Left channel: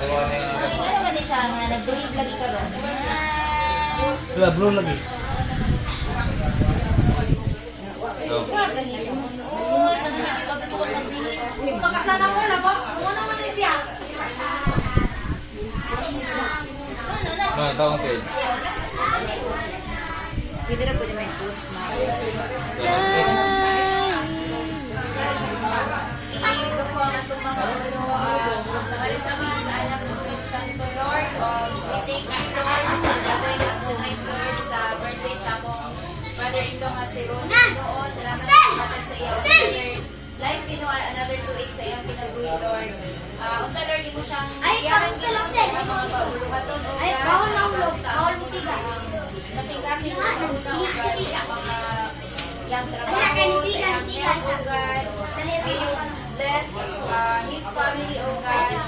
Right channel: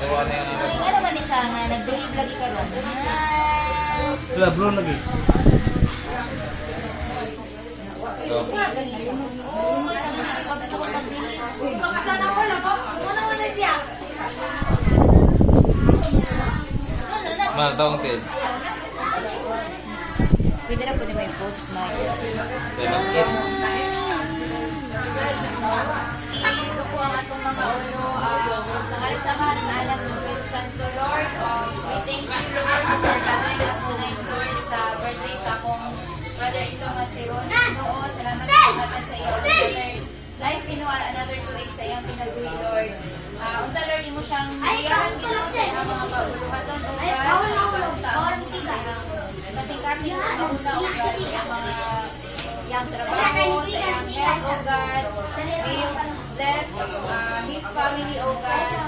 Ano ba niya siya nga? Nag-breed lagi ka ron? Wala, bro lagi. Kakasana ko lang po. Ano naman na siya? Mana taong tail. Pwede na po niya may post mic. Ito po ang atong mga ulo. Sangalit sa mga sa anak sa Santo Lord. We thank you, Lord, for gathering us tonight, Lord, sa birthday sa akong mother-in-law nga si Ron. Oo, salamat sa natin sa iyo. Life Pinoy, another 2 weeks sa iyong pinabuhi, Lord. Unta, Lord, mo siyang iyahan ang mga pauluhaton o kasing-kasing sa una o mga yang trabaho sa iyong health, O God. May you bless his family, O God.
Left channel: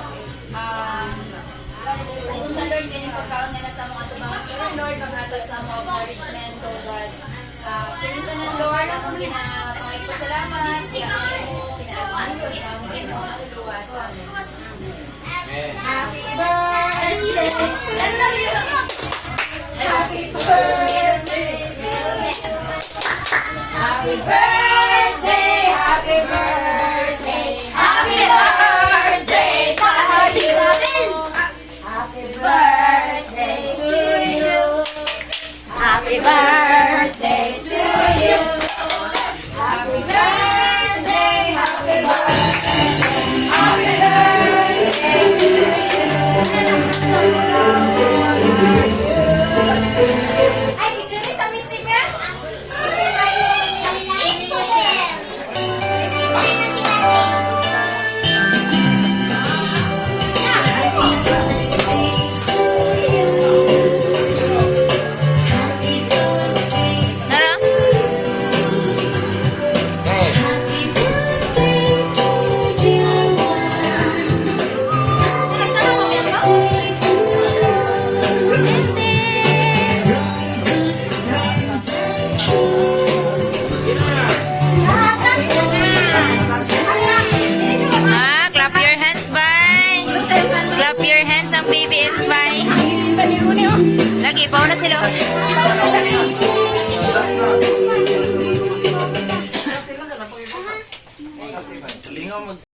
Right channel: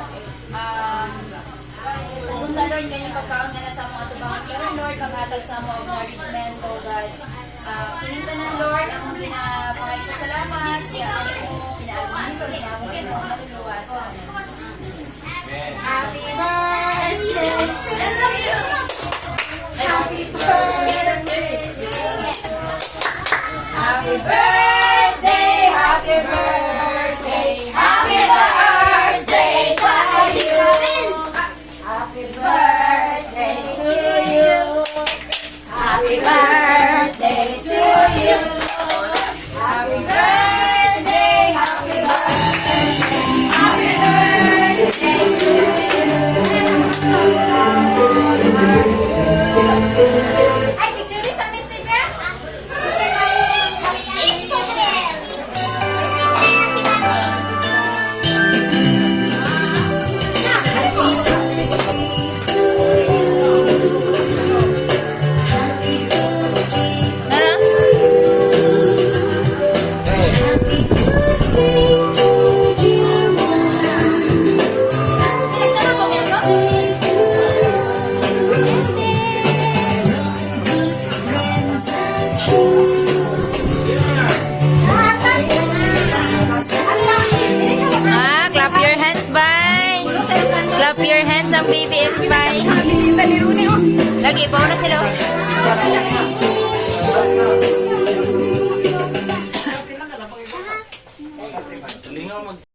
Unta, Lord, din yung pagkaon nga na sa mga tumangan ka, Lord, paghatag sa mga nourishment, O God. Pinita ng Lord, akong pinapangaypasalamat, siya ang pinaagmaniso sa aming mga luwasan. Happy birthday! Happy birthday! Happy birthday! Happy birthday! Happy birthday to you! Happy birthday to you! Happy birthday to you! Happy birthday! Happy birthday! Happy birthday to you! Ay, picture sa meeting niya? Clap your hands, bye. Clap your hands, ang baby is bye. Lagi, pauna sila.